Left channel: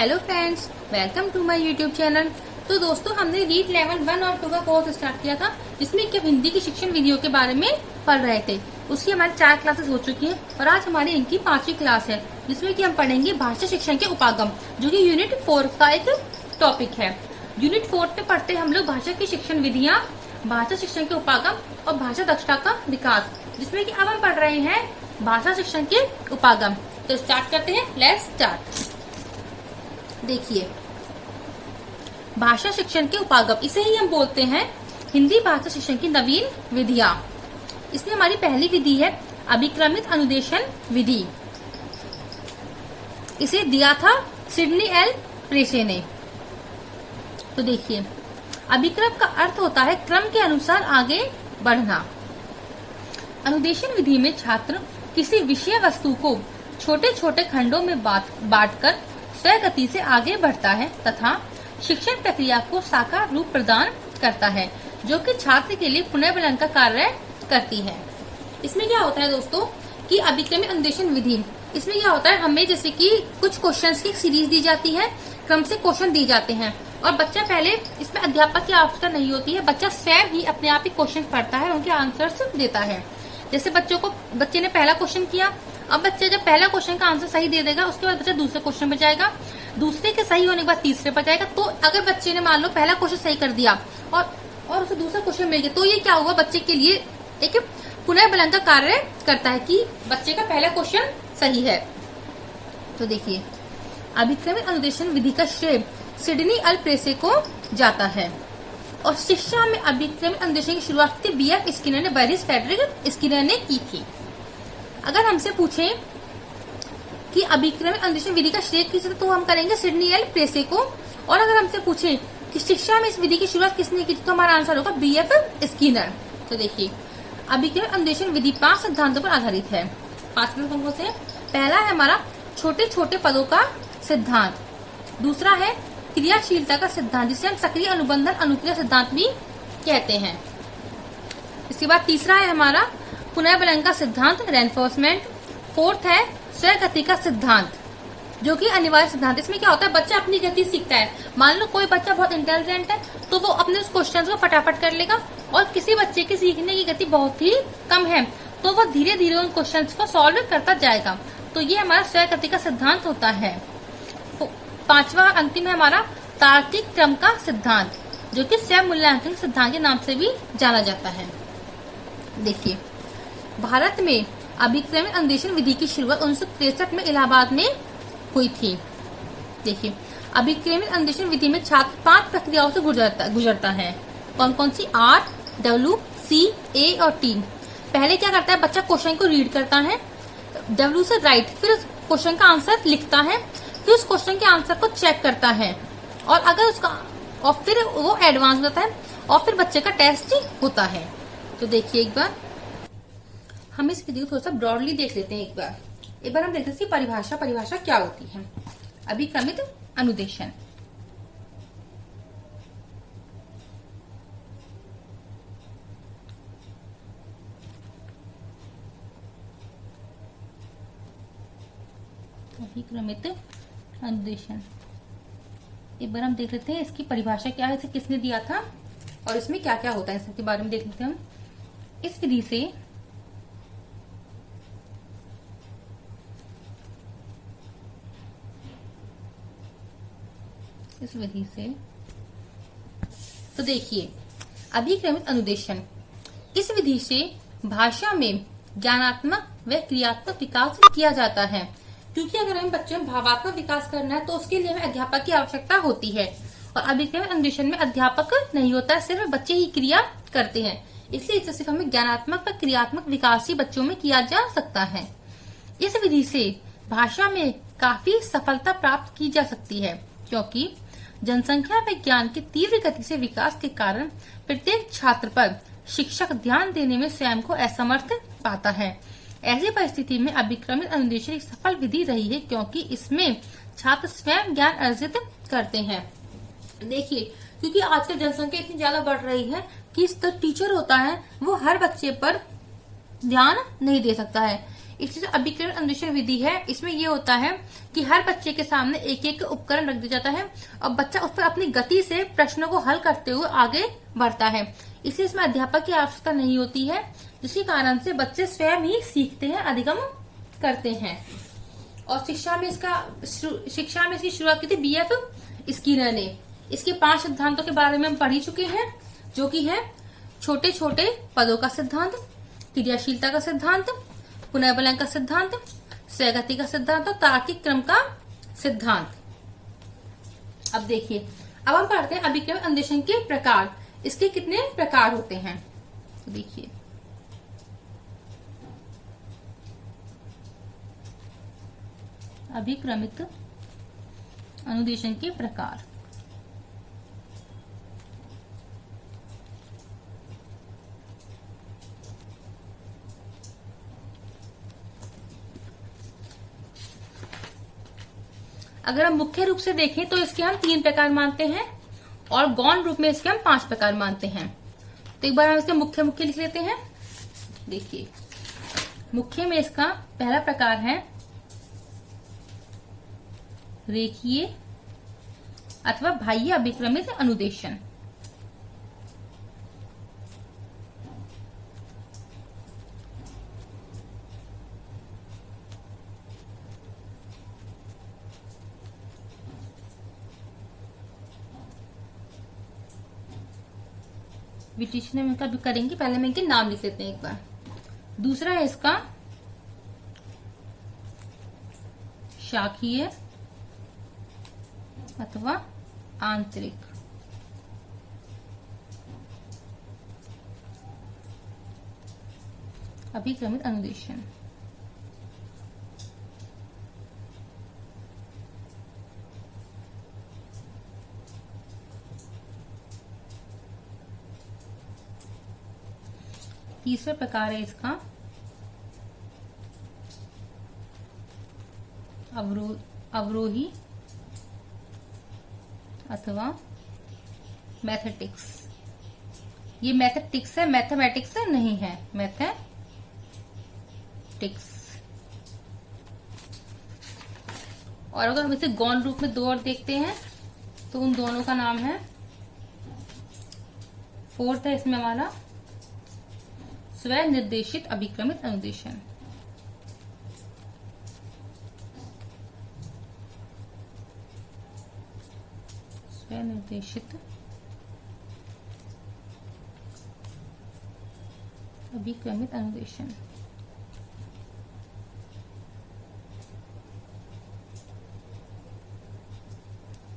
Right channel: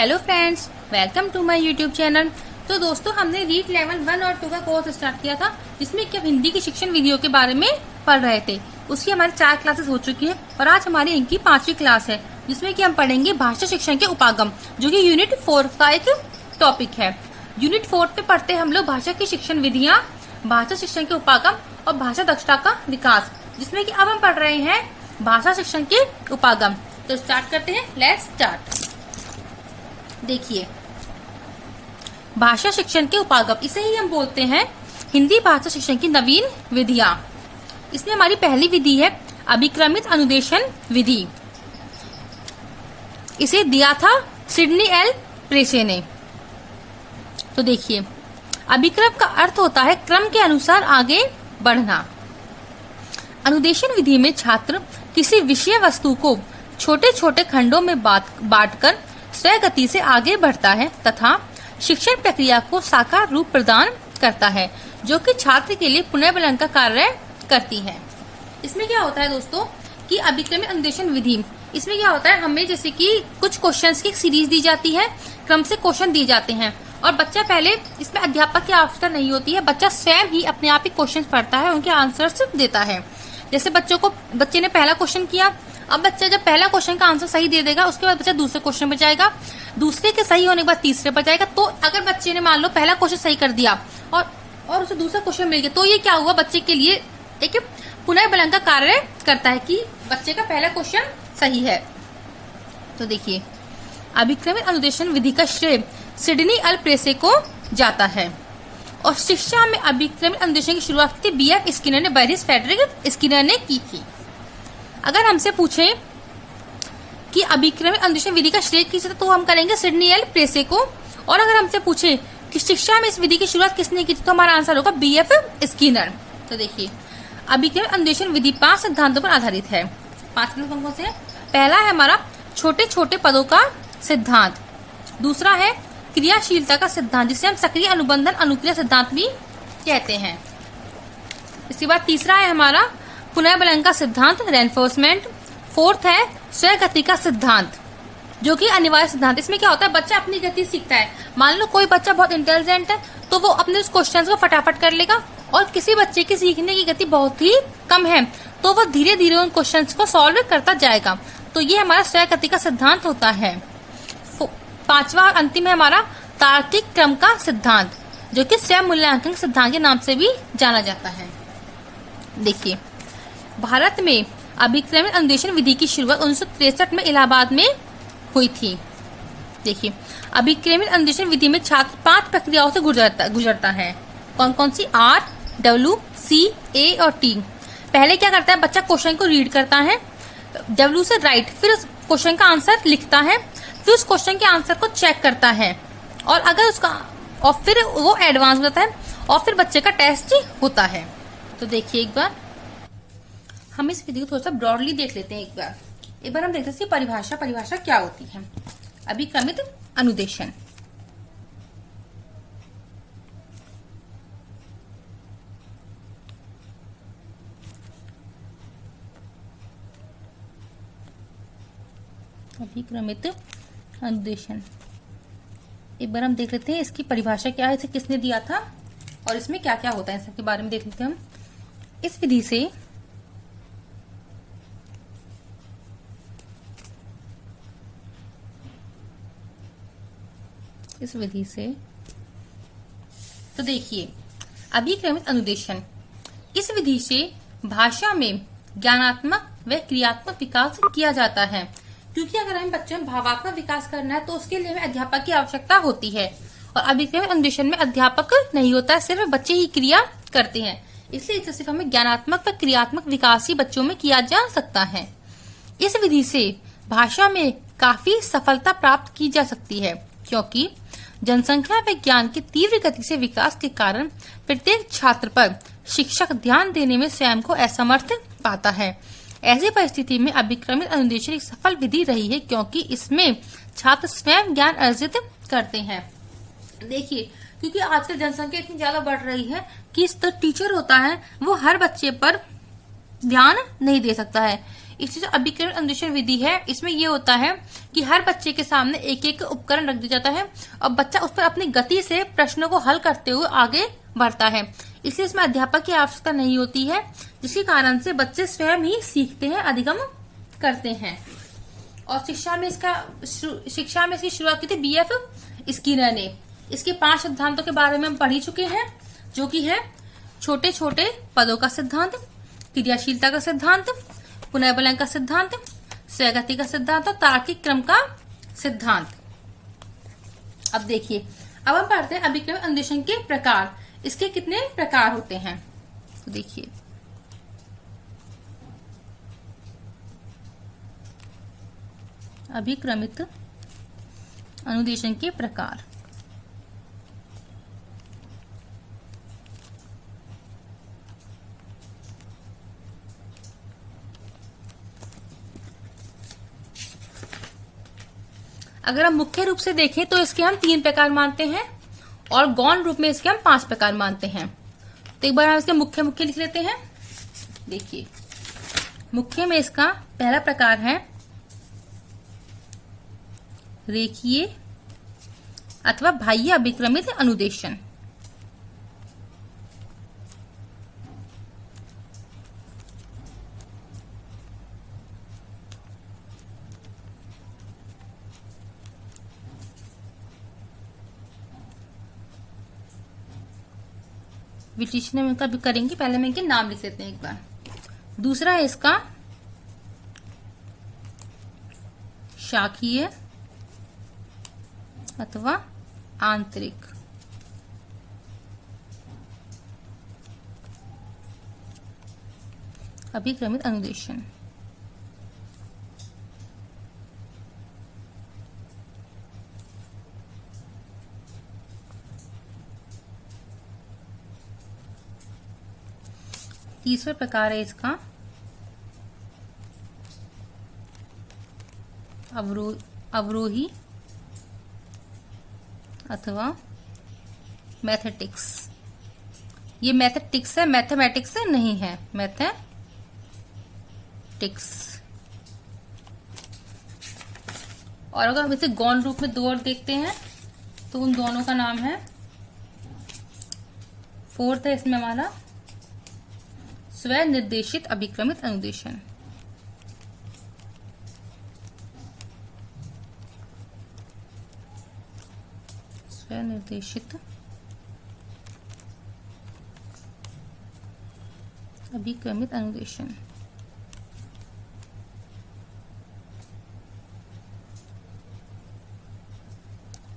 Hello friends, welcome to my YouTube channel. तो दोस्तों, हमने रीड लेवल 1 और 2 का कोर्स स्टार्ट किया था, जिसमें कि हिंदी की शिक्षण विधियों के बारे में पढ़ रहे थे। उसकी हमारी 4 क्लासेस हो चुकी हैं और आज हमारी इनकी 5वीं क्लास है, जिसमें कि हम पढ़ेंगे भाषा शिक्षण के उपागम, जो कि यूनिट 4 का एक टॉपिक है। यूनिट 4 पे पढ़ते हैं हम लोग भाषा की शिक्षण विधियाँ, भाषा शिक्षण के उपागम और भाषा दक्षता का विकास, जिसमें कि अब हम पढ़ रहे हैं भाषा शिक्षण के उपागम। तो स्टार्ट करते हैं, लेट्स स्टार्ट। देखिए, भाषा शिक्षण के उपागम, इसे ही हम बोलते हैं हिंदी भाषा शिक्षण की नवीन विधियां। इसमें हमारी पहली विधि है अभिक्रमित अनुदेशन विधि। इसे दिया था सिडनी एल प्रेसे ने। तो देखिए, अभिक्रम का अर्थ होता है क्रम के अनुसार आगे बढ़ना। अनुदेशन विधि में छात्र किसी विषय वस्तु को छोटे छोटे खंडों में बांटकर स्वगति से आगे बढ़ता है तथा शिक्षण प्रक्रिया को साकार रूप प्रदान करता है, जो कि छात्र के लिए पुनर्बलन का कार्य करती है। इसमें क्या होता है दोस्तों कि अभिक्रमित अनुदेशन विधि, इसमें क्या होता है, हमें जैसे कि कुछ क्वेश्चंस की सीरीज दी जाती है, क्रम से क्वेश्चन दिए जाते हैं और बच्चा पहले, इसमें अध्यापक की आवश्यकता नहीं होती है, बच्चा स्वयं ही अपने आप ही क्वेश्चन पढ़ता है, उनके आंसर्स देता है। जैसे बच्चे ने पहला क्वेश्चन किया, अब बच्चा जब पहला क्वेश्चन का आंसर सही दे देगा, उसके बाद बच्चा दूसरे क्वेश्चन पर जाएगा, दूसरे के सही होने के बाद तीसरे पर जाएगा। तो अगर बच्चे ने मान लो पहला क्वेश्चन सही कर दिया और उसे दूसरा क्वेश्चन मिल गया, तो ये क्या होगा, बच्चे के लिए एक पुनर्बलन का कार्य करता है कि बच्चे का पहला क्वेश्चन सही है। तो देखिए, अभिक्रमित अनुदेशन विधि का श्रेय सिडनी एल प्रेसे को जाता है और शिक्षा में अभिक्रमित अनुदेशन की शुरुआत B.F. स्किनर ने, बैरिस फ्रेडरिक स्किनर ने की थी। अगर हमसे पूछे कि अभिक्रमित अनुदेशन विधि का श्रेय किसे, तो हम करेंगे सिडनी एल प्रेसे को। और अगर हमसे पूछे कि शिक्षा में इस विधि की शुरुआत किसने की थी, तो हमारा आंसर होगा B.F. स्किनर। तो देखिए, अभिक्रमित अनुदेशन विधि 5 सिद्धांतों पर आधारित है। 5 कौन से हैं? पहला है हमारा छोटे छोटे पदों का सिद्धांत, दूसरा है क्रियाशीलता का सिद्धांत, जिसे हम सक्रिय अनुबंधन अनुक्रिया सिद्धांत भी कहते हैं। इसके बाद तीसरा है हमारा पुनर्बलन का सिद्धांत, रेनफोर्समेंट। फोर्थ है स्वगति का सिद्धांत, जो कि अनिवार्य सिद्धांत। इसमें क्या होता है, बच्चा अपनी गति सीखता है। मान लो कोई बच्चा बहुत इंटेलिजेंट है, तो वो अपने उस क्वेश्चन को फटाफट कर लेगा, और किसी बच्चे की सीखने की गति बहुत ही कम है, तो वो धीरे धीरे उन क्वेश्चन को सॉल्व करता जाएगा। तो ये हमारा स्वगति का सिद्धांत होता है। 5वां और अंतिम है हमारा तार्किक क्रम का सिद्धांत, जो कि स्वयं मूल्यांकन सिद्धांत के नाम से भी जाना जाता है। देखिए, भारत में अभिक्रमित अनुदेशन विधि की शुरुआत 1963 में इलाहाबाद में हुई थी। देखिए, अभिक्रमित अनुदेशन विधि में छात्र 5 प्रक्रियाओं से गुजरता है। कौन कौन सी? R, W, C, A और T। पहले क्या करता है, बच्चा क्वेश्चन को रीड करता है, W से राइट, फिर उस क्वेश्चन का आंसर लिखता है, फिर उस क्वेश्चन के आंसर को चेक करता है, और अगर उसका, और फिर वो एडवांस होता है, और फिर बच्चे का टेस्ट होता है। तो देखिए, एक बार हम इस विधि को थोड़ा सा ब्रॉडली देख लेते हैं। एक बार हम देखते हैं परिभाषा क्या होती है। अभिक्रमित अनुदेशन, अभिक्रमित अनुदेशन, एक बार हम देख लेते हैं इसकी परिभाषा क्या है, इसे किसने दिया था और इसमें क्या क्या होता है, सबके बारे में देख लेते हैं हम। इस विधि से तो देखिए, अभिक्रमित अनुदेशन, इस विधि से भाषा में ज्ञानात्मक व क्रियात्मक विकास किया जाता है। क्योंकि अगर हमें बच्चों में भावात्मक विकास करना है, तो उसके लिए हमें अध्यापक की आवश्यकता होती है, और अभिक्रमित अनुदेशन में अध्यापक नहीं होता है, सिर्फ बच्चे ही क्रिया करते हैं। इसलिए इससे सिर्फ हमें ज्ञानात्मक व क्रियात्मक विकास ही बच्चों में किया जा सकता है। इस विधि से भाषा में काफी सफलता प्राप्त की जा सकती है, क्योंकि जनसंख्या व ज्ञान की तीव्र गति से विकास के कारण प्रत्येक छात्र पर शिक्षक ध्यान देने में स्वयं को असमर्थ पाता है। ऐसी परिस्थिति में अभिक्रमित अनुदेशन एक सफल विधि रही है, क्योंकि इसमें छात्र स्वयं ज्ञान अर्जित करते हैं। देखिए, क्योंकि आजकल जनसंख्या इतनी ज्यादा बढ़ रही है कि टीचर होता है वो हर बच्चे पर ध्यान नहीं दे सकता है, इसलिए जो अभिकरण अनुदेशन विधि है इसमें ये होता है कि हर बच्चे के सामने एक एक उपकरण रख दिया जाता है और बच्चा उस पर अपनी गति से प्रश्नों को हल करते हुए आगे बढ़ता है। इसलिए इसमें अध्यापक की आवश्यकता नहीं होती है, जिसके कारण से बच्चे स्वयं ही सीखते हैं, अधिगम करते हैं। और शिक्षा में इसकी शुरुआत की थी बीएफ स्किनर ने। इसके 5 सिद्धांतों के बारे में हम पढ़ ही चुके हैं, जो कि है छोटे छोटे पदों का सिद्धांत, क्रियाशीलता का सिद्धांत, पुनर्बलन का सिद्धांत, स्वगति का सिद्धांत और तार्किक क्रम का सिद्धांत। अब देखिए, अब हम पढ़ते हैं अभिकरण अनुदेशन के प्रकार। इसके कितने प्रकार होते हैं तो देखिए, अभिक्रमित अनुदेशन के प्रकार। अगर हम मुख्य रूप से देखें तो इसके हम 3 प्रकार मानते हैं और गौण रूप में इसके हम 5 प्रकार मानते हैं। तो एक बार हम इसके मुख्य मुख्य लिख लेते हैं। देखिए, मुख्य में इसका पहला प्रकार है रेखीय अथवा बाह्य अभिक्रमित अनुदेशन। विश्लेषण में इनका भी करेंगे, पहले में इनके नाम लिख लेते हैं एक बार। दूसरा है इसका शाखीय अथवा आंतरिक। अभिक्रमित अनुदेशन। तीसरा प्रकार है इसका अवरोही अथवा मैथेटिक्स। ये मैथेटिक्स है, मैथमेटिक्स नहीं है, मैथेटिक्स। और अगर हम इसे गौण रूप में 2 और देखते हैं तो उन दोनों का नाम है, फोर्थ है इसमें हमारा स्वनिर्देशित अभिक्रमित अनुदेशन। स्वनिर्देशित अभिक्रमित अनुदेशन।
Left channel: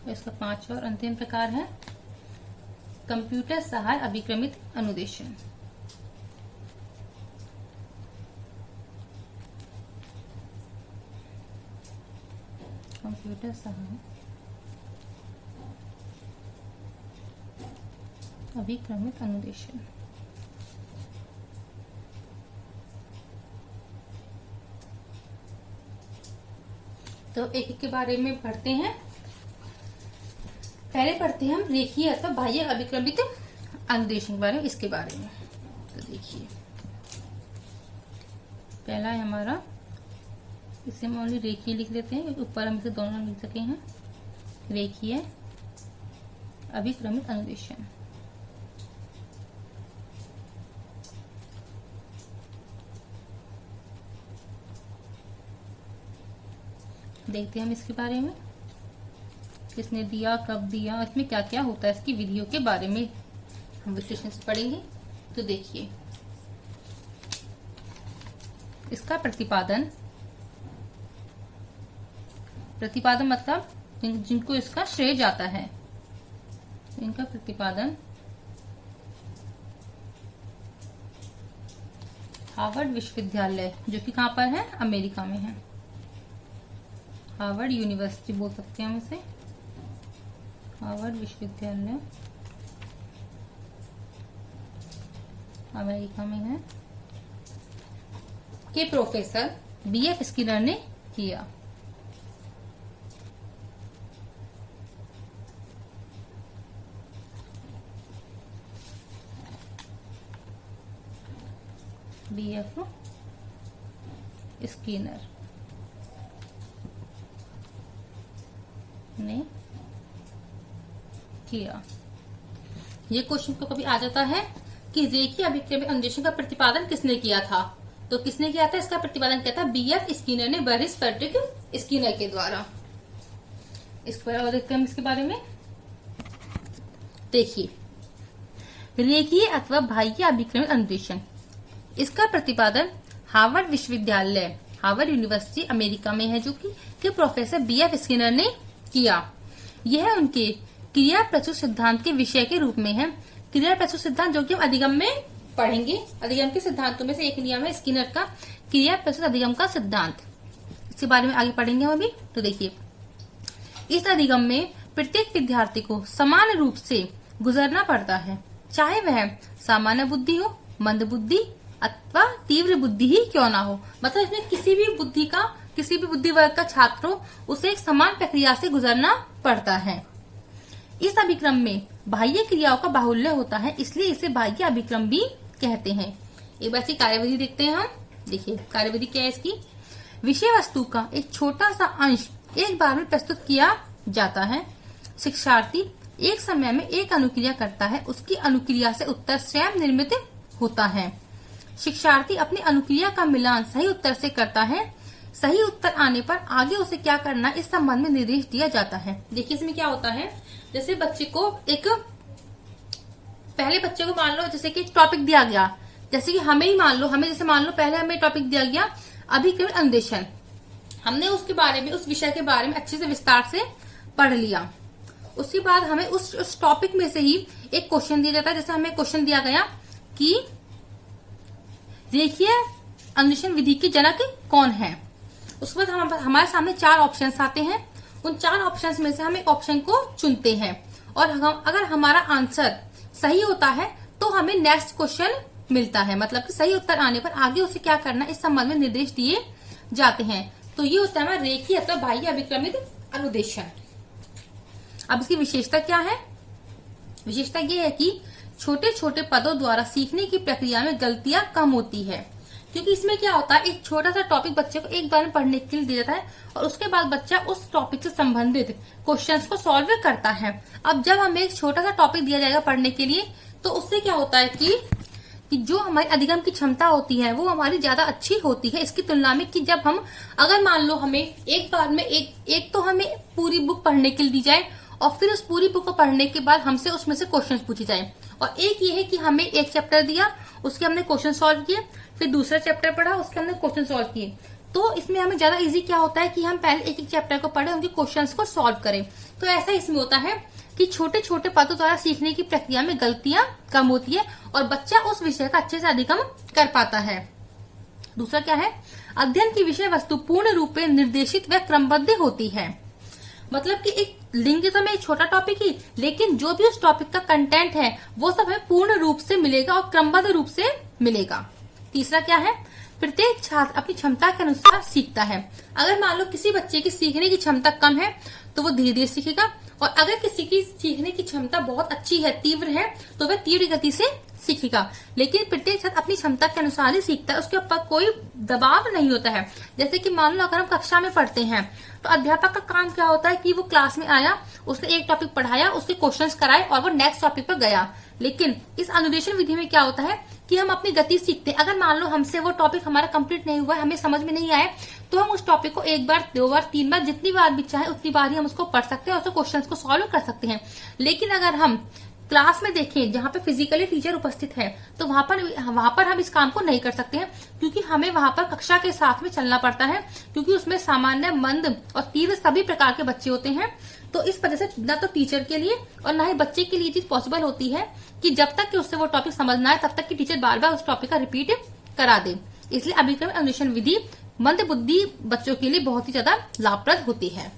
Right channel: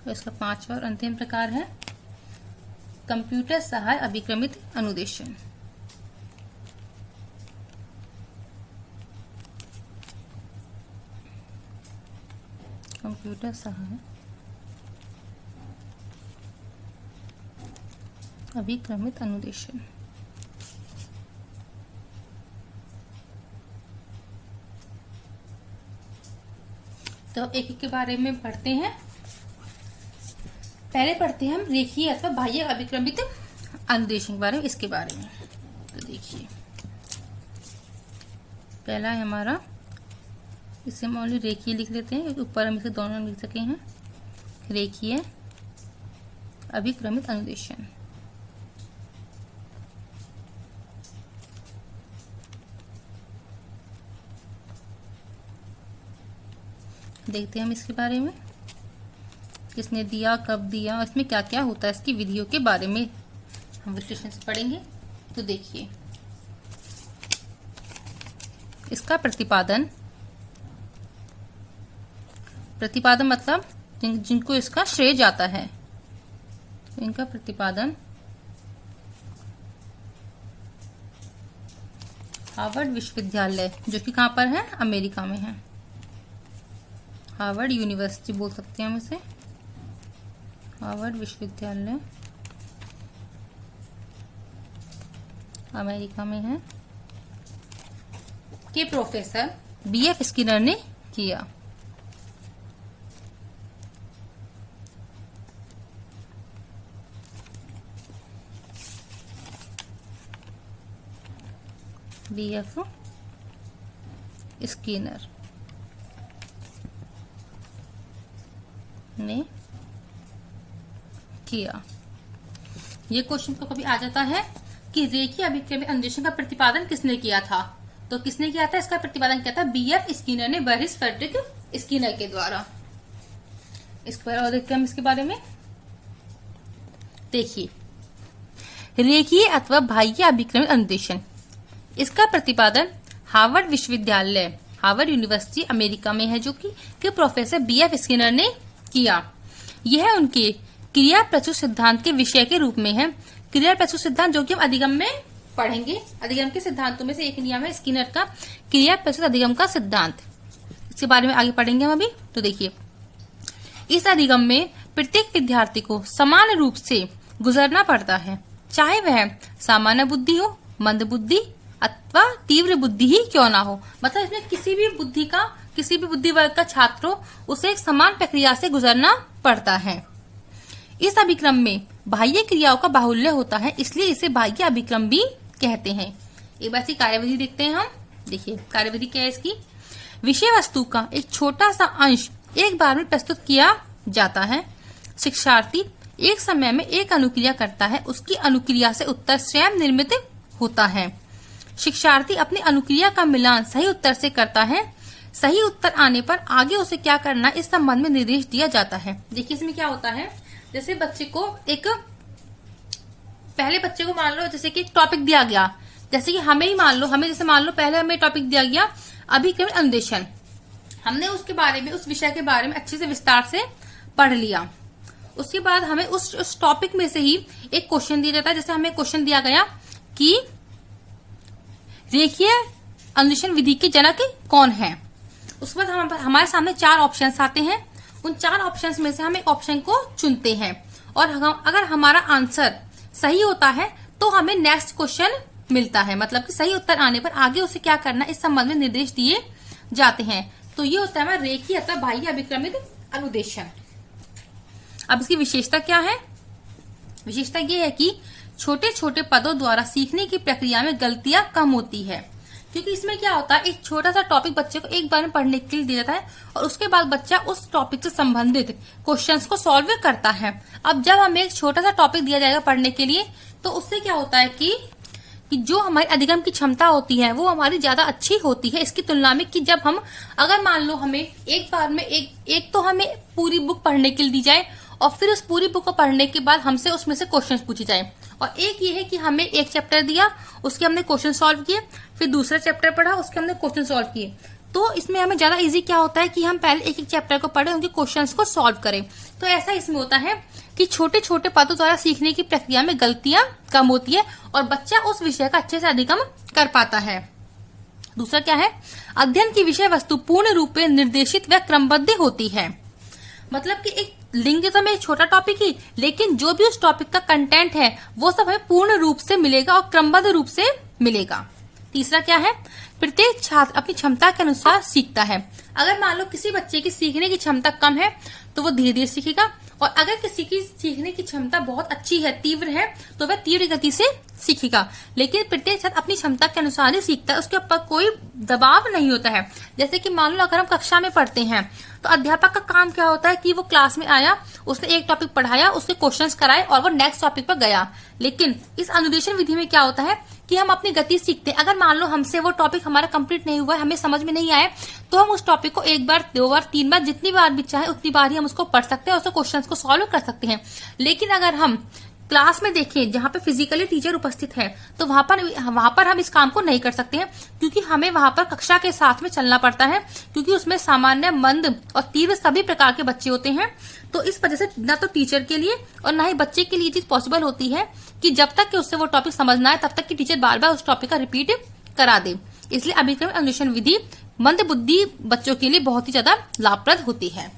तो इसका 5वां और अंतिम प्रकार है कंप्यूटर सहाय अभिक्रमित अनुदेशन। कंप्यूटर सहाय अभिक्रमित अनुदेशन। तो एक एक के बारे में पढ़ते हैं। पहले पढ़ते हैं हम रेखीय अथवा बाह्य अभिक्रमित अनुदेशन के बारे में। इसके बारे में तो देखिए, पहला है हमारा, इसे हम ओनली रेखीय लिख लेते हैं, ऊपर हम इसे दोनों लिख सके हैं। रेखीय अभिक्रमित अनुदेशन। देखते हैं हम इसके बारे में, किसने दिया, कब दिया, इसमें क्या क्या होता है, इसकी विधियों के बारे में हम विश्लेषण से पढ़ेंगे। तो देखिए, इसका प्रतिपादन मतलब जिनको इसका श्रेय जाता है, इनका प्रतिपादन हार्वर्ड विश्वविद्यालय, जो कि कहां पर है, अमेरिका में है। हार्वर्ड यूनिवर्सिटी बोल सकते हैं हम इसे, हार्वर्ड विश्वविद्यालय अमेरिका में है, के प्रोफेसर बीएफ स्किनर ने किया। बीएफ स्किनर ने किया। ये क्वेश्चन को कभी आ जाता है कि रेखीय अभिक्रमी अनुदेशन का प्रतिपादन किसने किया था, तो किसने किया था, इसका प्रतिपादन किया था बीएफ स्किनर ने, बरिस फ्रेडरिक स्किनर के द्वारा। इसके बारे में देखते हैं हम, इसके बारे में देखिए, रेखीय अथवा बाह्य अभिक्रमी अनुदेशन, इसका प्रतिपादन हार्वर्ड विश्वविद्यालय, हार्वर्ड यूनिवर्सिटी अमेरिका में है, जो कि प्रोफेसर बीएफ स्किनर ने किया। यह उनके क्रिया प्रचुर सिद्धांत के विषय के रूप में है। क्रिया प्रचुर सिद्धांत जो कि हम अधिगम में पढ़ेंगे, अधिगम के सिद्धांतों में से एक नियम है स्किनर का क्रिया प्रचुर अधिगम का सिद्धांत। इसके बारे में आगे पढ़ेंगे हम अभी। तो देखिए, इस अधिगम में प्रत्येक विद्यार्थी को समान रूप से गुजरना पड़ता है, चाहे वह सामान्य बुद्धि हो, मंद बुद्धि अथवा तीव्र बुद्धि ही क्यों ना हो। मतलब इसमें किसी भी बुद्धि वर्ग का छात्र हो, उसे एक समान प्रक्रिया से गुजरना पड़ता है। इस अभिक्रम में बाह्य क्रियाओं का बाहुल्य होता है, इसलिए इसे बाह्य अभिक्रम भी कहते हैं। एक बार से कार्यविधि देखते हैं हम। देखिए कार्यविधि क्या है इसकी, विषय वस्तु का एक छोटा सा अंश एक बार में प्रस्तुत किया जाता है। शिक्षार्थी एक समय में एक अनुक्रिया करता है, उसकी अनुक्रिया से उत्तर स्वयं निर्मित होता है। शिक्षार्थी अपनी अनुक्रिया का मिलान सही उत्तर से करता है। सही उत्तर आने पर आगे उसे क्या करना इस संबंध में निर्देश दिया जाता है। देखिए इसमें क्या होता है, जैसे बच्चे को पहले बच्चे को मान लो जैसे कि एक टॉपिक दिया गया, जैसे कि हमें मान लो पहले हमें टॉपिक दिया गया अभिक्रम अनुदेशन, हमने उसके बारे में, उस विषय के बारे में अच्छे से विस्तार से पढ़ लिया। उसके बाद हमें उस टॉपिक में से ही एक क्वेश्चन दिया जाता है। जैसे हमें क्वेश्चन दिया गया कि रेखीय अनुदेशन विधि के जनक कौन है। उसके बाद हमारे सामने 4 ऑप्शंस आते हैं। उन 4 ऑप्शंस में से हम एक ऑप्शन को चुनते हैं, और अगर हमारा आंसर सही होता है तो हमें नेक्स्ट क्वेश्चन मिलता है। मतलब कि सही उत्तर आने पर आगे उसे क्या करना इस संबंध में निर्देश दिए जाते हैं। तो ये होता है रेखीय अथवा बाह्य अभिक्रमित अनुदेशन। अब इसकी विशेषता क्या है, विशेषता ये है कि छोटे छोटे पदों द्वारा सीखने की प्रक्रिया में गलतियां कम होती है। क्योंकि इसमें क्या होता है, एक छोटा सा टॉपिक बच्चे को एक बार में पढ़ने के लिए दिया जाता है, और उसके बाद बच्चा उस टॉपिक से संबंधित क्वेश्चंस को सॉल्व करता है। अब जब हमें एक छोटा सा टॉपिक दिया जाएगा पढ़ने के लिए, तो उससे क्या होता है कि जो हमारी अधिगम की क्षमता होती है वो हमारी ज्यादा अच्छी होती है इसकी तुलना में, कि जब हम अगर मान लो हमें एक बार में एक तो हमें पूरी बुक पढ़ने के लिए दी जाए, और फिर उस पूरी बुक को पढ़ने के बाद हमसे उसमें से क्वेश्चंस पूछे जाए, और एक ये है कि हमें एक चैप्टर दिया, उसके हमने क्वेश्चन सॉल्व किए, फिर दूसरा चैप्टर पढ़ा, उसके हमने क्वेश्चन सॉल्व किए। तो इसमें हमें ज्यादा इजी क्या होता है कि हम पहले एक एक चैप्टर को पढ़े, उनके क्वेश्चंस को सॉल्व करें। तो ऐसा इसमें होता है कि छोटे छोटे पदों द्वारा सीखने की प्रक्रिया में गलतियां कम होती है, और बच्चा उस विषय का अच्छे से अधिगम कर पाता है। दूसरा क्या है, अध्ययन की विषय वस्तु पूर्ण रूप में निर्देशित व क्रमबद्ध होती है। मतलब कि एक लिंग तो में छोटा टॉपिक ही, लेकिन जो भी उस टॉपिक का कंटेंट है वो सब हमें पूर्ण रूप से मिलेगा और क्रमबद्ध रूप से मिलेगा। तीसरा क्या है, प्रत्येक छात्र अपनी क्षमता के अनुसार सीखता है। अगर मान लो किसी बच्चे की सीखने की क्षमता कम है तो वो धीरे धीरे सीखेगा, और अगर किसी की सीखने की क्षमता बहुत अच्छी है, तीव्र है, तो वह तीव्र गति से सीखेगा। लेकिन प्रत्येक छात्र अपनी क्षमता के अनुसार ही सीखता है, उसके ऊपर कोई दबाव नहीं होता है। जैसे कि मान लो अगर हम कक्षा में पढ़ते हैं तो अध्यापक का काम क्या होता है कि वो क्लास में आया, उसने एक टॉपिक पढ़ाया, उसके क्वेश्चंस कराए और वो नेक्स्ट टॉपिक पर गया। लेकिन इस अनुदेशन विधि में क्या होता है कि हम अपनी गति सीखते हैं। अगर मान लो हमसे वो टॉपिक हमारा कंप्लीट नहीं हुआ है, हमें समझ में नहीं आया, तो हम उस टॉपिक को 1 बार 2 बार 3 बार जितनी बार भी चाहे उतनी बार ही हम उसको पढ़ सकते हैं और उसके क्वेश्चंस को सॉल्व कर सकते हैं। लेकिन अगर हम क्लास में देखें जहाँ पे फिजिकली टीचर उपस्थित है, तो वहां पर हम इस काम को नहीं कर सकते हैं, क्योंकि हमें वहां पर कक्षा के साथ में चलना पड़ता है, क्योंकि उसमें सामान्य, मंद और तीव्र सभी प्रकार के बच्चे होते हैं। तो इस वजह से न तो टीचर के लिए और न ही बच्चे के लिए चीज पॉसिबल होती है कि जब तक कि उससे वो टॉपिक समझना है तब तक कि टीचर बार बार उस टॉपिक का रिपीट करा दे। इसलिए अभिक्रम अनुदेशन विधि मंद बुद्धि बच्चों के लिए बहुत ही ज्यादा लाभप्रद होती है।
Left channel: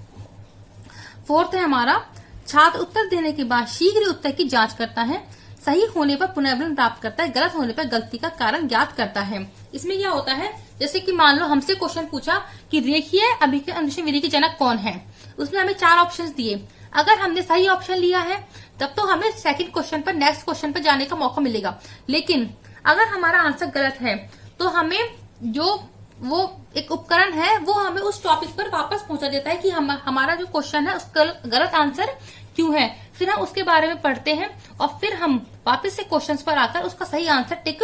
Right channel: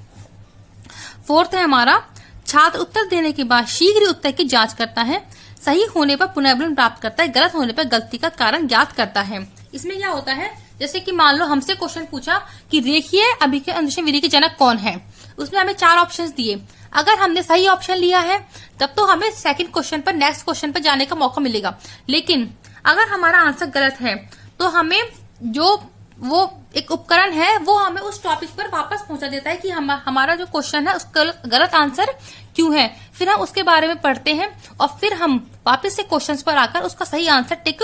फोर्थ है हमारा, छात्र उत्तर देने के बाद शीघ्र उत्तर की जांच करता है, सही होने पर पुनर्विवरण प्राप्त करता है, गलत होने पर गलती का कारण ज्ञात करता है। इसमें क्या होता है, जैसे कि मान लो हमसे क्वेश्चन पूछा कि रेखीय अभिक्रम अनुदेशन विधि के जनक कौन है, उसमें हमें 4 ऑप्शंस दिए। अगर हमने सही ऑप्शन लिया है तब तो हमें सेकंड क्वेश्चन पर, नेक्स्ट क्वेश्चन पर जाने का मौका मिलेगा। लेकिन अगर हमारा आंसर गलत है तो हमें जो वो एक उपकरण है, वो हमें उस टॉपिक पर वापस पहुंचा देता है कि हमारा जो क्वेश्चन है उसका गलत आंसर क्यों है। फिर हम उसके बारे में पढ़ते हैं और फिर हम वापस से क्वेश्चंस पर आकर उसका सही आंसर टिक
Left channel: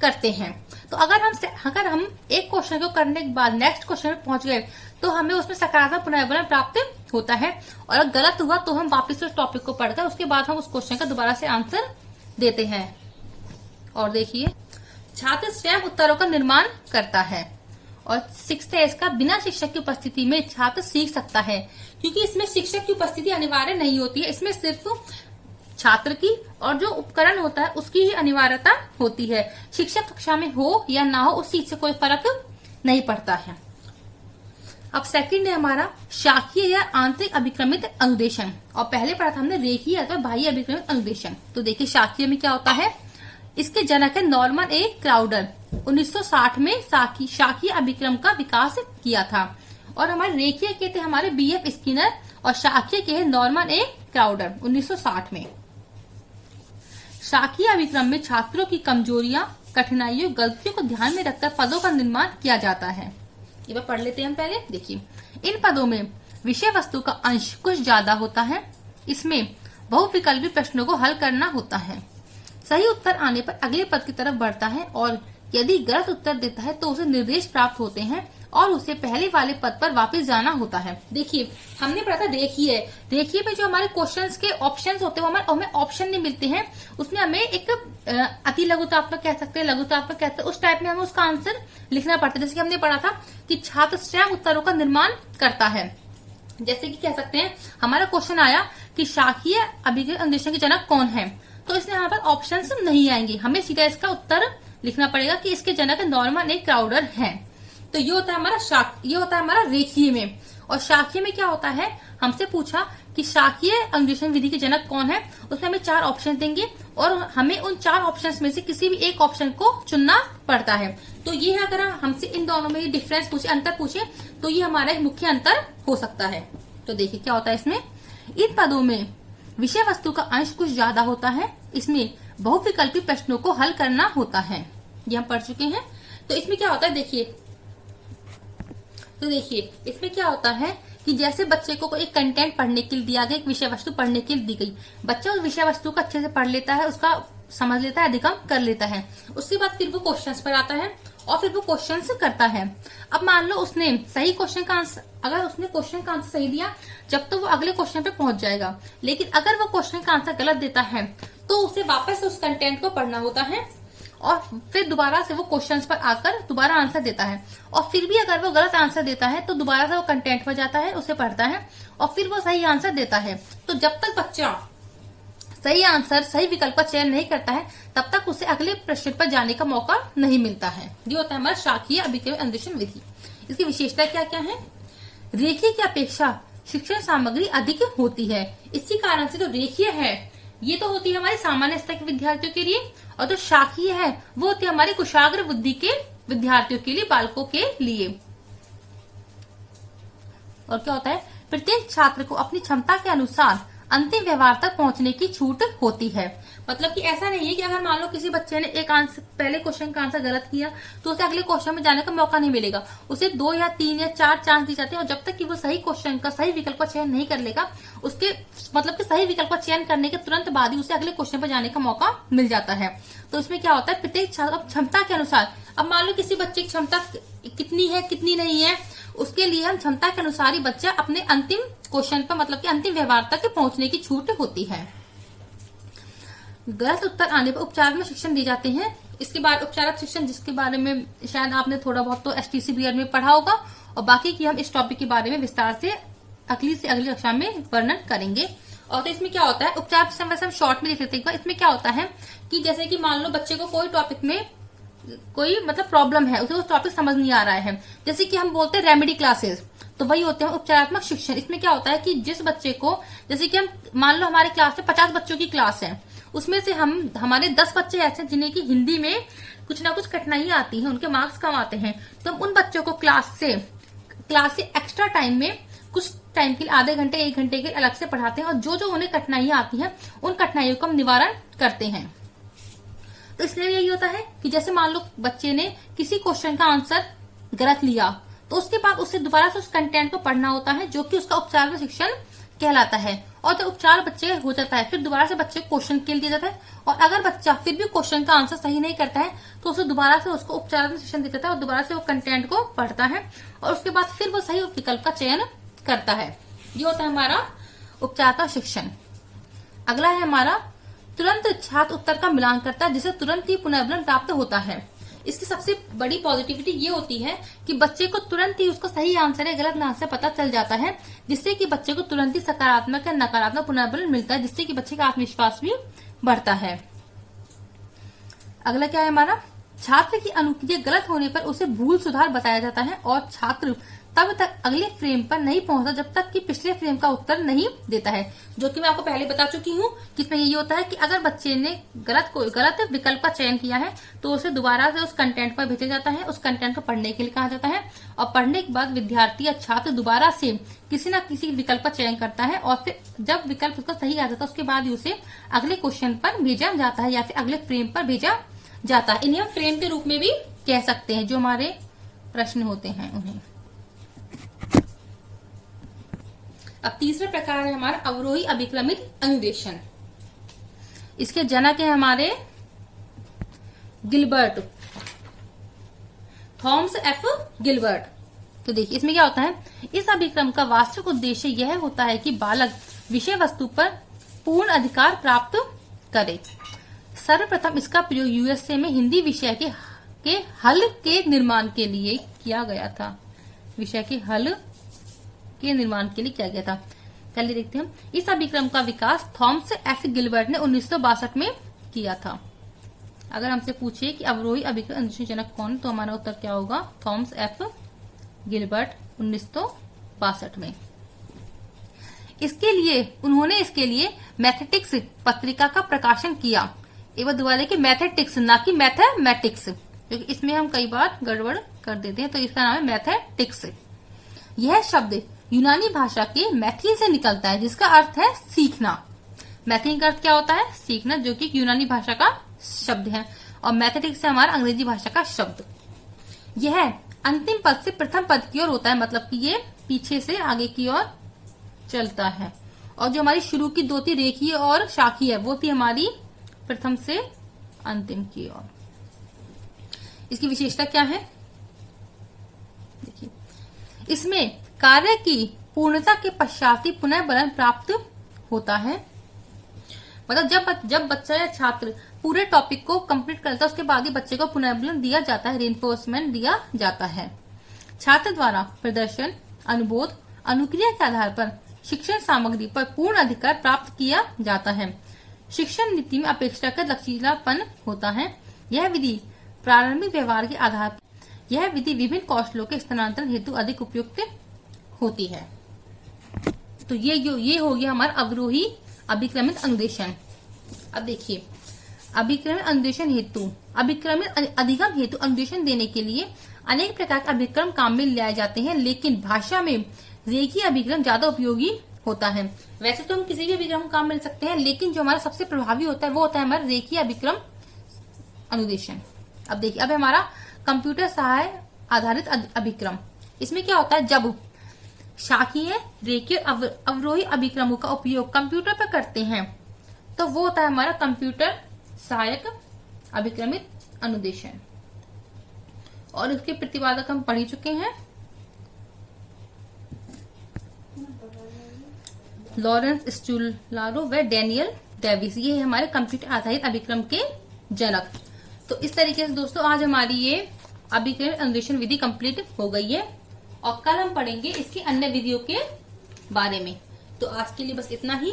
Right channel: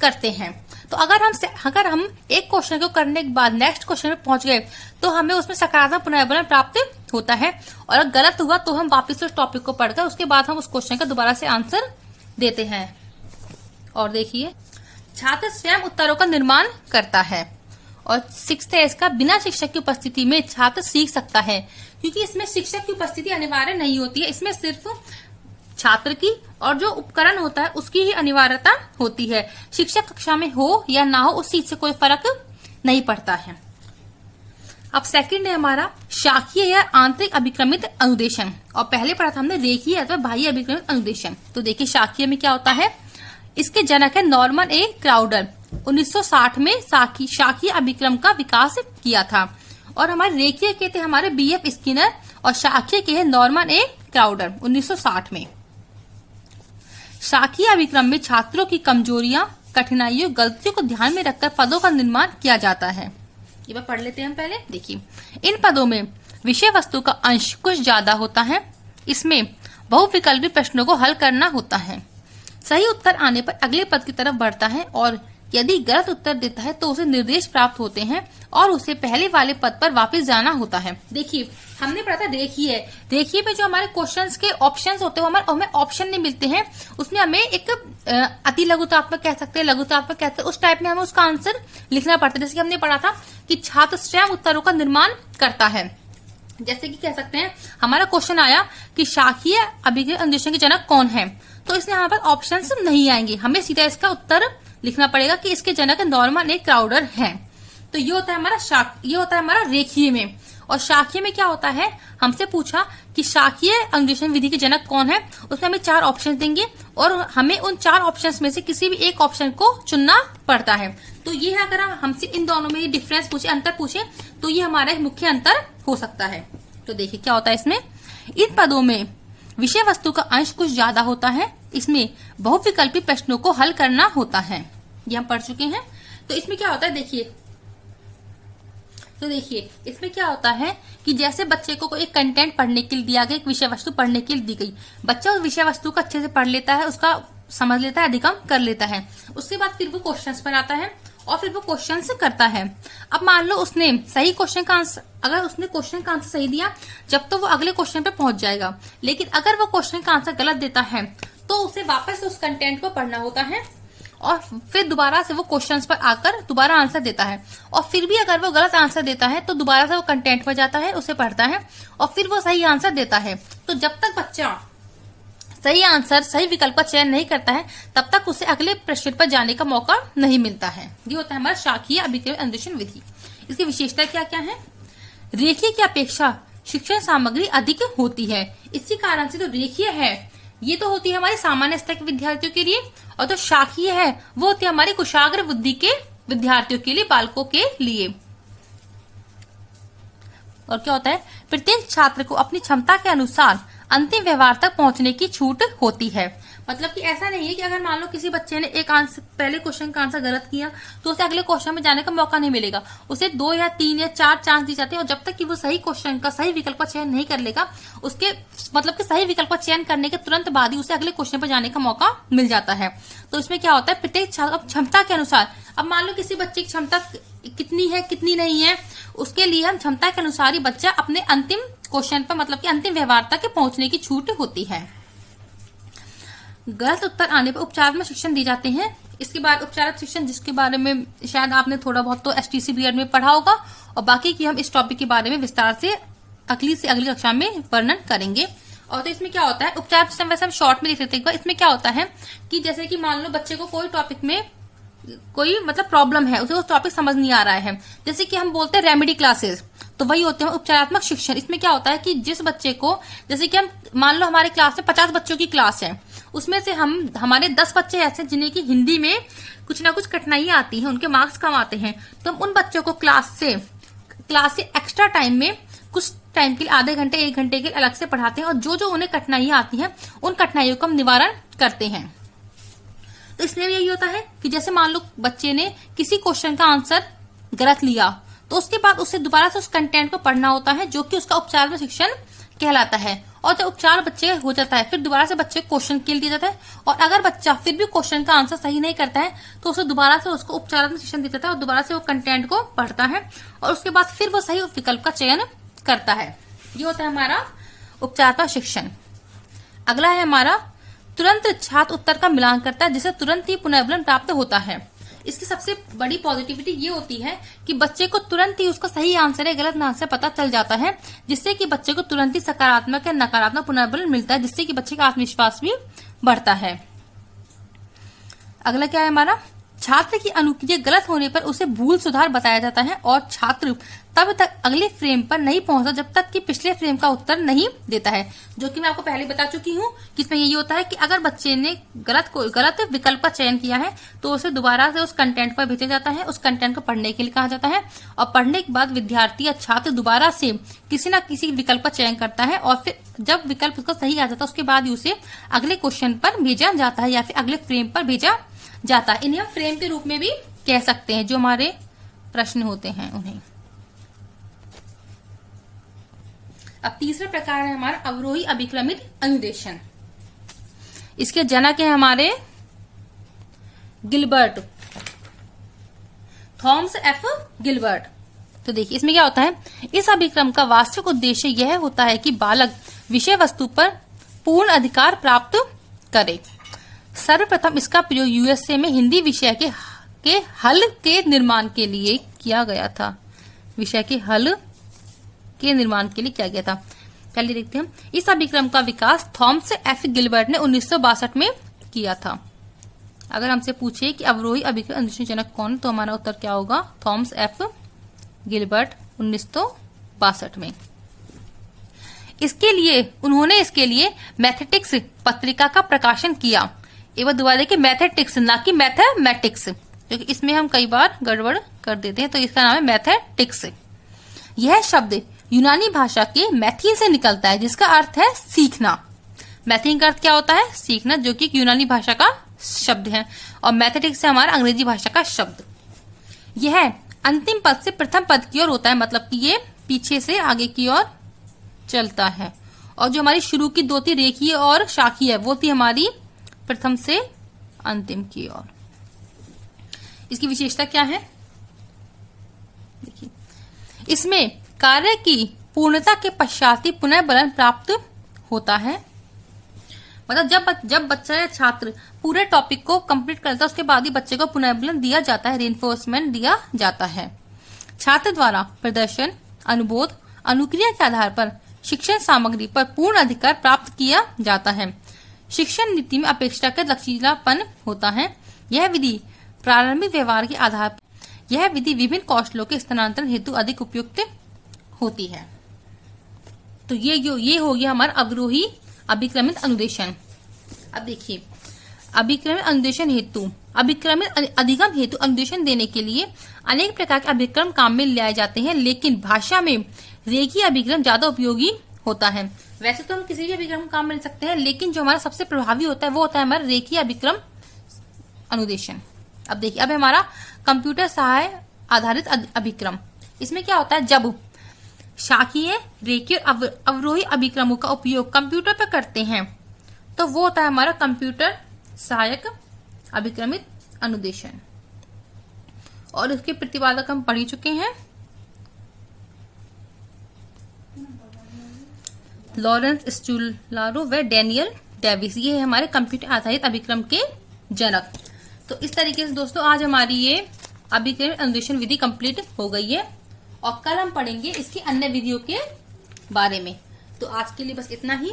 करते हैं। तो अगर हम एक क्वेश्चन को करने के बाद नेक्स्ट क्वेश्चन में पहुंच गए तो हमें उसमें सकारात्मक पुनरावलोकन प्राप्त होता है, और अगर गलत हुआ तो हम वापस उस टॉपिक को पढ़कर उसके बाद हम उस क्वेश्चन का दोबारा से आंसर देते हैं। और देखिए, छात्र स्वयं उत्तरों का निर्माण करता है और सीखता है इसका। बिना शिक्षक की उपस्थिति में छात्र सीख सकता है, क्योंकि इसमें शिक्षक की उपस्थिति अनिवार्य नहीं होती है, इसमें सिर्फ छात्र की और जो उपकरण होता है उसकी ही अनिवार्यता होती है। शिक्षक कक्षा में हो या ना हो उस चीज से कोई फर्क नहीं पड़ता है। अब सेकंड है हमारा शाखीय या आंतरिक अभिक्रमित अनुदेशन, और पहले पढ़ा था हमने रेखीय अथवा बाह्य अभिक्रमित अनुदेशन। तो देखिए शाखीय में क्या होता है, इसके जनक है नॉर्मन ए क्राउडर। 1960 में शाखीय अभिक्रम का विकास किया था, और हमारे रेखीय के थे हमारे बीएफ स्किनर, और शाखीय के है नॉर्मन ए क्राउडर 1960 में। शाखीय अभिक्रम में छात्रों की कमजोरियां, कठिनाइयों, गलतियों को ध्यान में रखकर पदों का निर्माण किया जाता है। ये बात पढ़ लेते हैं हम पहले। देखिए, इन पदों में विषय वस्तु का अंश कुछ ज्यादा होता है, इसमें बहुविकल्पी प्रश्नों को हल करना होता है, सही उत्तर आने पर अगले पद की तरफ बढ़ता है, और यदि गलत उत्तर देता है तो उसे निर्देश प्राप्त होते हैं और उसे पहले वाले पद पर वापस जाना होता है। देखिए, हमने पढ़ा था रेखीय में जो हमारे क्वेश्चंस के ऑप्शंस होते हैं हमें ऑप्शन नहीं मिलते हैं, उसमें हमें एक अति लघुतात्मक कह सकते हैं, लघुतात्मक कहते हैं, उस टाइप में हमें उसका आंसर लिखना पड़ता है। जैसे कि हमने पढ़ा था कि छात्र स्वयं उत्तरों का निर्माण करता है। जैसे कि कह सकते हैं हमारा क्वेश्चन आया कि शाखीय अभिक्रम अनुदेशन के जनक कौन है, तो इसमें हमारे पास ऑप्शंस नहीं आएंगे, हमें सीधा इसका उत्तर लिखना पड़ेगा कि इसके जनक नॉर्मन ए क्राउडर हैं। तो ये होता है हमारा रेखीय में। और शाखीय में क्या होता है, हमसे पूछा कि शाखीय अनुदेशन विधि के जनक कौन है, उसमें हमें 4 ऑप्शन देंगे और हमें उन 4 ऑप्शंस में से किसी भी एक ऑप्शन को चुनना पड़ता है। तो ये है, अगर हमसे इन दोनों में डिफरेंस पूछे, अंतर पूछे, तो ये हमारा एक मुख्य अंतर हो सकता है। तो देखिए क्या होता है इसमें, इन पदों में विषय वस्तु का अंश कुछ ज्यादा होता है, इसमें बहुविकल्पी प्रश्नों को हल करना होता है, ये हम पढ़ चुके हैं। तो इसमें क्या होता है, देखिए इसमें क्या होता है कि जैसे बच्चे को कोई कंटेंट पढ़ने के लिए दिया गया, एक विषय वस्तु पढ़ने के लिए दी गई, बच्चा उस विषय वस्तु को अच्छे से पढ़ लेता है, उसका समझ लेता है, अधिगम कर लेता है, उसके बाद फिर वो क्वेश्चंस पर आता है और फिर वो क्वेश्चंस करता है। अब मान लो उसने सही क्वेश्चन का आंसर, अगर उसने क्वेश्चन का आंसर सही दिया जब तो वो अगले क्वेश्चन पे पहुंच जाएगा, लेकिन अगर वो क्वेश्चन का आंसर गलत देता है तो उसे वापस उस कंटेंट को पढ़ना होता है और फिर दोबारा से वो क्वेश्चंस पर आकर दोबारा आंसर देता है, और फिर भी अगर वो गलत आंसर देता है तो दोबारा से वो कंटेंट पर जाता है, उसे पढ़ता है और फिर वो सही आंसर देता है। तो जब तक बच्चा सही विकल्प का चयन नहीं करता है तब तक उसे अगले प्रश्न पर जाने का मौका नहीं मिलता है। ये होता है हमारा शाखीय अभिक्रम अनुदेशन विधि। इसकी विशेषता क्या क्या है, रेखीय की अपेक्षा शिक्षण सामग्री अधिक होती है, इसी कारण से जो रेखीय है ये तो होती है हमारे सामान्य स्तर के विद्यार्थियों के लिए, और जो शाखीय है वो होती है हमारी कुशाग्र बुद्धि के विद्यार्थियों के लिए, बालकों के लिए। और क्या होता है, प्रत्येक छात्र को अपनी क्षमता के अनुसार अंतिम व्यवहार तक पहुंचने की छूट होती है। मतलब कि ऐसा नहीं है कि अगर मान लो किसी बच्चे ने एक आंसर, पहले क्वेश्चन का आंसर गलत किया तो उसे अगले क्वेश्चन में जाने का मौका नहीं मिलेगा, उसे 2 या 3 या 4 चांस दी जाती है, और जब तक कि वो सही क्वेश्चन का सही विकल्प का चयन नहीं कर लेगा, उसके मतलब कि सही विकल्प का चयन करने के तुरंत बाद ही उसे अगले क्वेश्चन पर जाने का मौका मिल जाता है। तो इसमें क्या होता है, प्रत्येक छात्र क्षमता के अनुसार, अब मान लो किसी बच्चे की क्षमता कितनी है कितनी नहीं है, उसके लिए हम क्षमता के अनुसार ही बच्चा अपने अंतिम क्वेश्चन पर मतलब कि अंतिम व्यवहार तक पहुंचने की छूट होती है। गलत उत्तर आने पर उपचारात्मक शिक्षण दिए जाते हैं। इसके बाद उपचारात्मक शिक्षण, जिसके बारे में शायद आपने थोड़ा बहुत तो एसटीसी बीएड में पढ़ा होगा, और बाकी की हम इस टॉपिक के बारे में विस्तार से अगली कक्षा में वर्णन करेंगे। और तो इसमें क्या होता है, उपचारात्मक शिक्षण वैसे हम शॉर्ट में लिख लेते हैं। इसमें क्या होता है कि जैसे कि मान लो बच्चे को कोई टॉपिक में कोई मतलब प्रॉब्लम है, उसे वो टॉपिक समझ नहीं आ रहा है, जैसे कि हम बोलते हैं रेमेडी क्लासेस, तो वही होते हैं उपचारात्मक शिक्षण। इसमें क्या होता है कि जिस बच्चे को, जैसे कि हम मान लो हमारे क्लास में 50 बच्चों की क्लास है, उसमें से हमारे 10 बच्चे ऐसे जिन्हें की हिंदी में कुछ ना कुछ कठिनाइयां आती हैं, उनके मार्क्स कम आते हैं, तो हम उन बच्चों को क्लास से एक्स्ट्रा टाइम में कुछ टाइम के लिए आधे घंटे 1 घंटे के अलग से पढ़ाते हैं, और जो जो उन्हें कठिनाइयां आती हैं उन कठिनाइयों का हम निवारण करते हैं। तो इसलिए यही होता है कि जैसे मान लो बच्चे ने किसी क्वेश्चन का आंसर गलत लिया तो उसके बाद उसे दोबारा से उस कंटेंट को पढ़ना होता है, जो कि उसका उपचार शिक्षण कहलाता है। और जब उपचार बच्चे हो जाता है फिर दोबारा से बच्चे को क्वेश्चन के लिए दिया जाता है, और अगर बच्चा फिर भी क्वेश्चन का आंसर सही नहीं करता है तो उसे दोबारा से उसको उपचार शिक्षण दिया जाता है और दोबारा से वो कंटेंट को पढ़ता है और उसके बाद फिर वो सही विकल्प का चयन करता है। ये होता है हमारा उपचारात्मक शिक्षण। अगला है हमारा तुरंत छात्र उत्तर का मिलान करता है, जिसे तुरंत ही पुनर्बलन प्राप्त होता है। इसकी सबसे बड़ी पॉजिटिविटी ये होती है कि बच्चे को तुरंत ही उसका सही आंसर है गलत आंसर पता चल जाता है, जिससे कि बच्चे को तुरंत ही सकारात्मक या नकारात्मक पुनर्बलन मिलता है, जिससे कि बच्चे का आत्मविश्वास भी बढ़ता है। अगला क्या है हमारा, छात्र की अनुक्रिया गलत होने पर उसे भूल सुधार बताया जाता है और छात्र तब तक अगले फ्रेम पर नहीं पहुंचता जब तक कि पिछले फ्रेम का उत्तर नहीं देता है, जो कि मैं आपको पहले बता चुकी हूँ कि इसमें यही होता है कि अगर बच्चे ने गलत विकल्प का चयन किया है तो उसे दोबारा से उस कंटेंट पर भेजा जाता है, उस कंटेंट को पढ़ने के लिए कहा जाता है और पढ़ने के बाद विद्यार्थी या छात्र दोबारा से किसी न किसी विकल्प का चयन करता है और फिर जब विकल्प उसका सही आ जाता है उसके बाद ही उसे अगले क्वेश्चन पर भेजा जाता है या फिर अगले फ्रेम पर भेजा जाता है। इन्हें हम फ्रेम के रूप में भी कह सकते हैं, जो हमारे प्रश्न होते हैं उन्हें। अब तीसरा प्रकार है हमारा अवरोही अभिक्रमित अनुदेशन। इसके जनक है हमारे गिलबर्ट, थॉमस एफ गिलबर्ट। तो देखिए इसमें क्या होता है, इस अभिक्रम का वास्तविक उद्देश्य यह होता है कि बालक विषय वस्तु पर पूर्ण अधिकार प्राप्त करे। सर्वप्रथम इसका प्रयोग यूएसए में हिंदी विषय के हल के निर्माण के लिए किया गया था। विषय के हल के निर्माण के लिए किया गया था। पहले देखते हैं, इस अभिक्रम का विकास थॉमस एफ गिलबर्ट ने 1962 में किया था। अगर हमसे पूछे कि अवरोही अभिक्रम अनुदेशन जनक कौन, तो हमारा उत्तर क्या होगा, थॉमस एफ गिलबर्ट 1962 में। उन्होंने इसके लिए मैथेटिक्स पत्रिका का प्रकाशन किया। एवं दोबारा देखिए मैथेटिक्स ना कि मैथमेटिक्स, क्योंकि इसमें हम कई बार गड़बड़ कर देते हैं, तो इसका नाम है मैथेटिक्स। यह शब्द यूनानी भाषा के मैथिन से निकलता है, जिसका अर्थ है सीखना। मैथिन का अर्थ क्या होता है, सीखना, जो कि यूनानी भाषा का शब्द है, और मैथेटिक्स है हमारा अंग्रेजी भाषा का शब्द। यह अंतिम पद से प्रथम पद की ओर होता है, मतलब कि ये पीछे से आगे की ओर चलता है, और जो हमारी शुरू की दो थी रेखीय और शाखीय, वो थी हमारी प्रथम से अंतिम की ओर। इसकी विशेषता क्या है, देखिए इसमें कार्य की पूर्णता के पश्चात ही पुनर्बलन प्राप्त होता है। मतलब जब बच्चा या छात्र पूरे टॉपिक को कंप्लीट करता है उसके बाद ही बच्चे को पुनर्बलन दिया जाता है, रेनफोर्समेंट दिया जाता है। छात्र द्वारा प्रदर्शन, अनुबोध, अनुक्रिया के आधार पर शिक्षण सामग्री पर पूर्ण अधिकार प्राप्त किया जाता है। शिक्षण नीति में अपेक्षाकृत लचीलापन होता है। यह विधि प्रारंभिक व्यवहार के आधार पर यह विधि विभिन्न कौशलों के स्थानांतरण हेतु अधिक उपयुक्त होती है। तो ये हो गया हमारा अवरोही अभिक्रमित अनुदेशन। अब देखिए अभिक्रमित अनुदेशन हेतु अभिक्रमित अधिगम हेतु अनुदेशन देने के लिए अनेक प्रकार के अभिक्रम काम में लाए जाते हैं, लेकिन भाषा में रेखीय अभिक्रम ज्यादा उपयोगी होता है। वैसे तो हम किसी भी अभिक्रम काम में ले सकते हैं, लेकिन जो हमारा सबसे प्रभावी होता है वो होता है हमारा रेखीय अभिक्रम अनुदेशन। अब देखिए अब हमारा कंप्यूटर सहाय आधारित अभिक्रम। इसमें क्या होता है, जब शाखीय रेखीय अवरोही अभिक्रमों का उपयोग कंप्यूटर पर करते हैं तो वो होता है हमारा कंप्यूटर सहायक अभिक्रमित अनुदेशन, और इसके प्रतिपादक हम पढ़ चुके हैं, लॉरेंस स्टूलारो व डैनियल डेविस। ये है हमारे कंप्यूटर आधारित अभिक्रम के जनक। तो इस तरीके से दोस्तों आज हमारी ये अभिक्रम अनुदेशन विधि कंप्लीट हो गई है, और कल हम पढ़ेंगे इसकी अन्य विधियों के बारे में। तो आज के लिए बस इतना ही।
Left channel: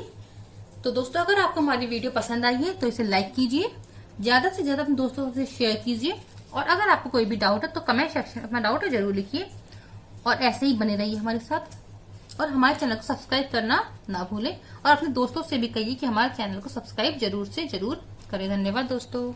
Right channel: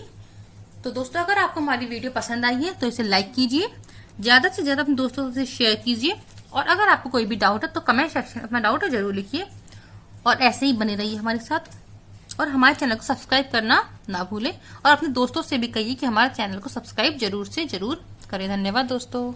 तो दोस्तों अगर आपको हमारी वीडियो पसंद आई है तो इसे लाइक कीजिए, ज्यादा से ज्यादा अपने दोस्तों से शेयर कीजिए, और अगर आपको कोई भी डाउट है तो कमेंट सेक्शन में अपना डाउट जरूर लिखिए, और ऐसे ही बने रहिए हमारे साथ, और हमारे चैनल को सब्सक्राइब करना ना भूलें, और अपने दोस्तों से भी कहिए कि हमारे चैनल को सब्सक्राइब जरूर से जरूर करें। धन्यवाद दोस्तों।